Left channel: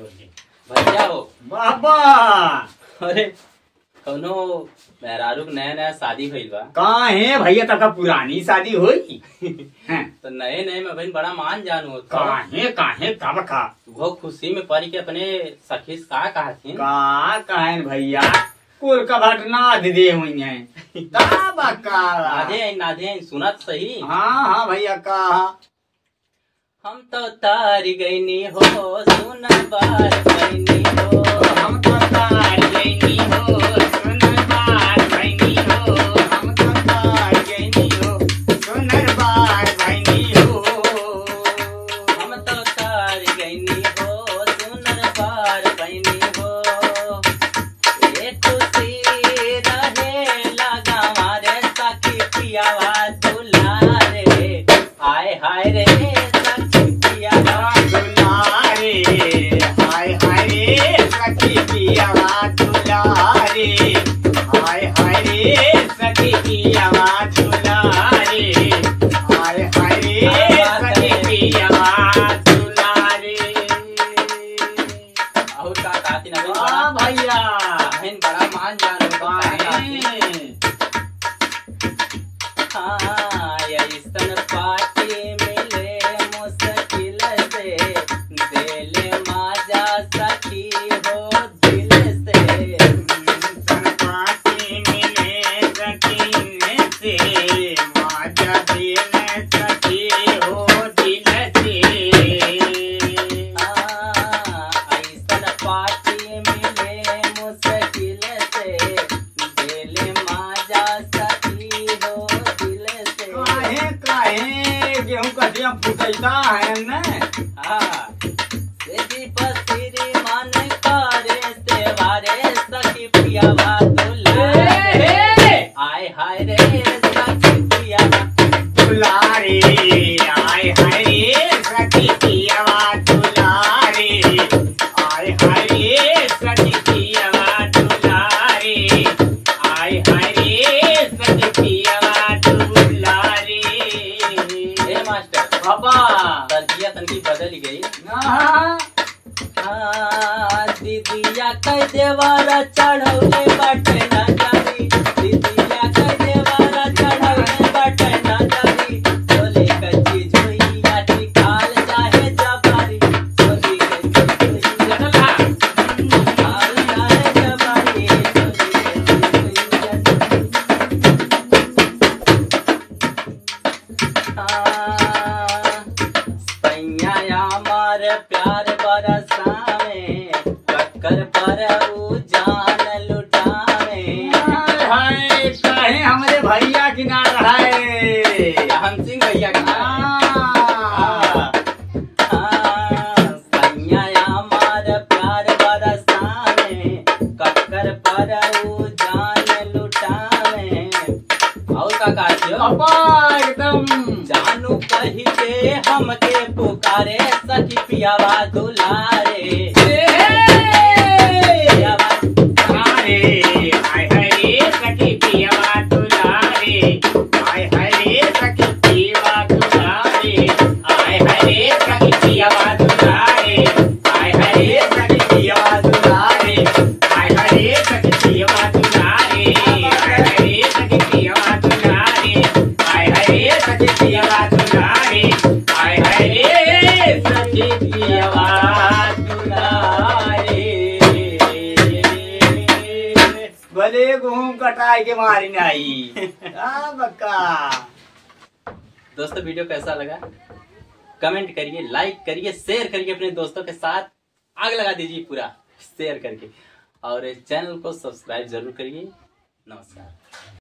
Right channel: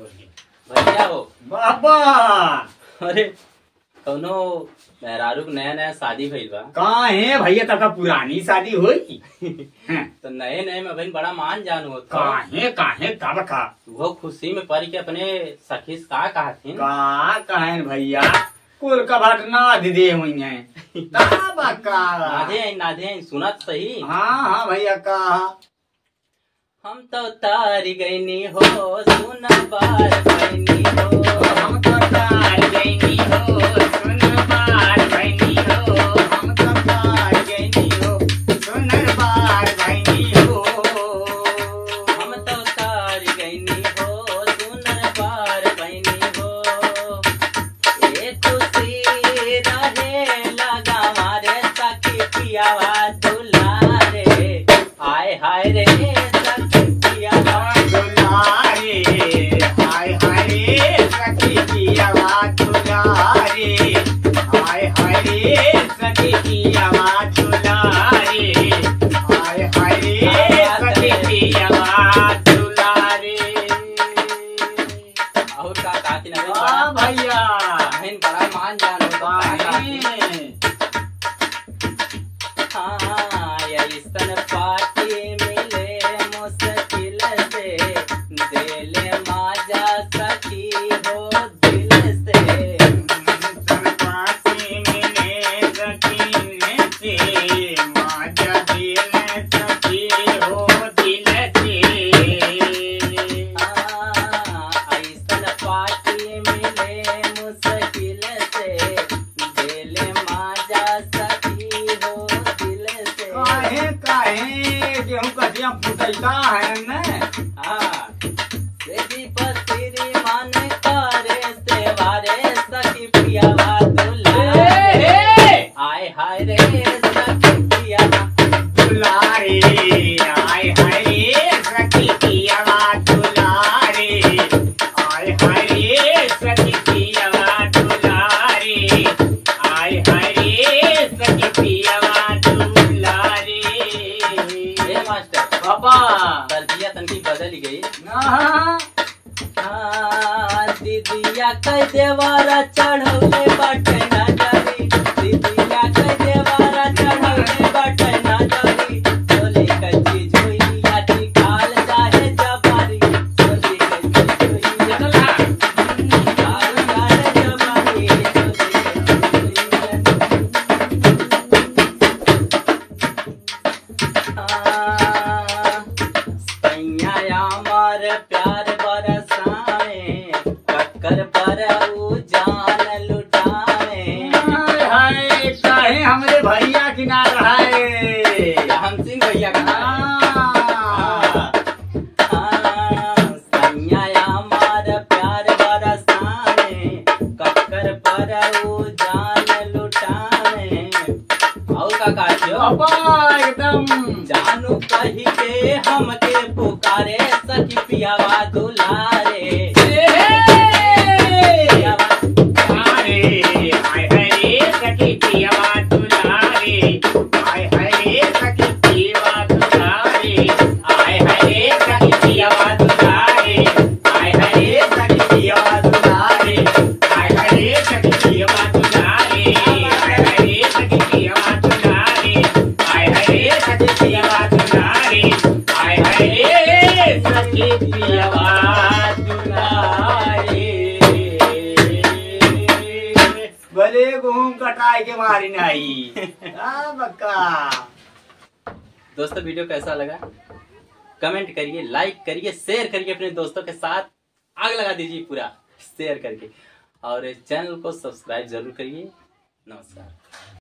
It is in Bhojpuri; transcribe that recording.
भैया हो बाबा। अरे कौनो मेहरारू नया नया शादी भइल बा। कहाँ है भैया, तक पुरानी शादी हुई तो नए नए में बहन बड़ा मान जान हो। काहे कब का वो खुशी में पड़ी के अपने सखी से का कहा थी कहे भैया कुल का घटना दे हुई है। नादे सुनत सही। हाँ भैया कहा हम तो तार गईनी हो सुन बार पैनी हो। हम तो तार गईनी हो सुन बार पैनी हो। हम तो तार गईनी हो सुन बार पैनी हो। हम तो तार गईनी हो सुन बार पैनी हो। ये तुसी रहे लगा मारे सखी पियावा दुलारे। आय हाय रे भैया बड़ा मान जान हो। हाँ ऐसन पार्टी मिले मुश्किल से दिल माजा सखी हो दिल से। पार्टी मिले सखी से माजा दिल सखी हो दिल से। ऐसन पार्टी मिले मुश्किल से दिल माजा सखी हो दिल से। काहे गेहूं कटिया फुटैता है न। पसिरी मन करे सेवारे सखी पियावा दुलारे। आय हाय रे सखी पियावा दुलारे। आय हाय रे सखी पियावा दुलारे। आय हाय रे सखी पियावा दुलारे। आय हाय रे सखी पियावा दुलारे। मास्टर पापा दर्जिया तनकी बदल गई। दीदिया कह देवारा चढ़ौले बटे न जारी। दीदिया कह देवारा चढ़ौले बटे न जारी। चोली कच्ची झोई आती काल जाहे जबारी। चोली कच्ची झोई काल जाहे जबारी। मार प्यार बरसावे कक्कर पर जान लुटावे। काहे हमरे भैया किनार है। हम सिंह भैया सैया मार प्यार बरसावे कक्कर पर जान लुटावे। और का एकदम जानू कही के हमके पुकारे सखी पियावा दुलारे। भले गेहूं कटाई के मारी नहीं। बक्का दोस्तों वीडियो कैसा लगा कमेंट करिए, लाइक करिए, शेयर करिए, अपने दोस्तों के साथ आग लगा दीजिए पूरा शेयर करके। और चैनल को सब्सक्राइब जरूर करिए। नमस्कार।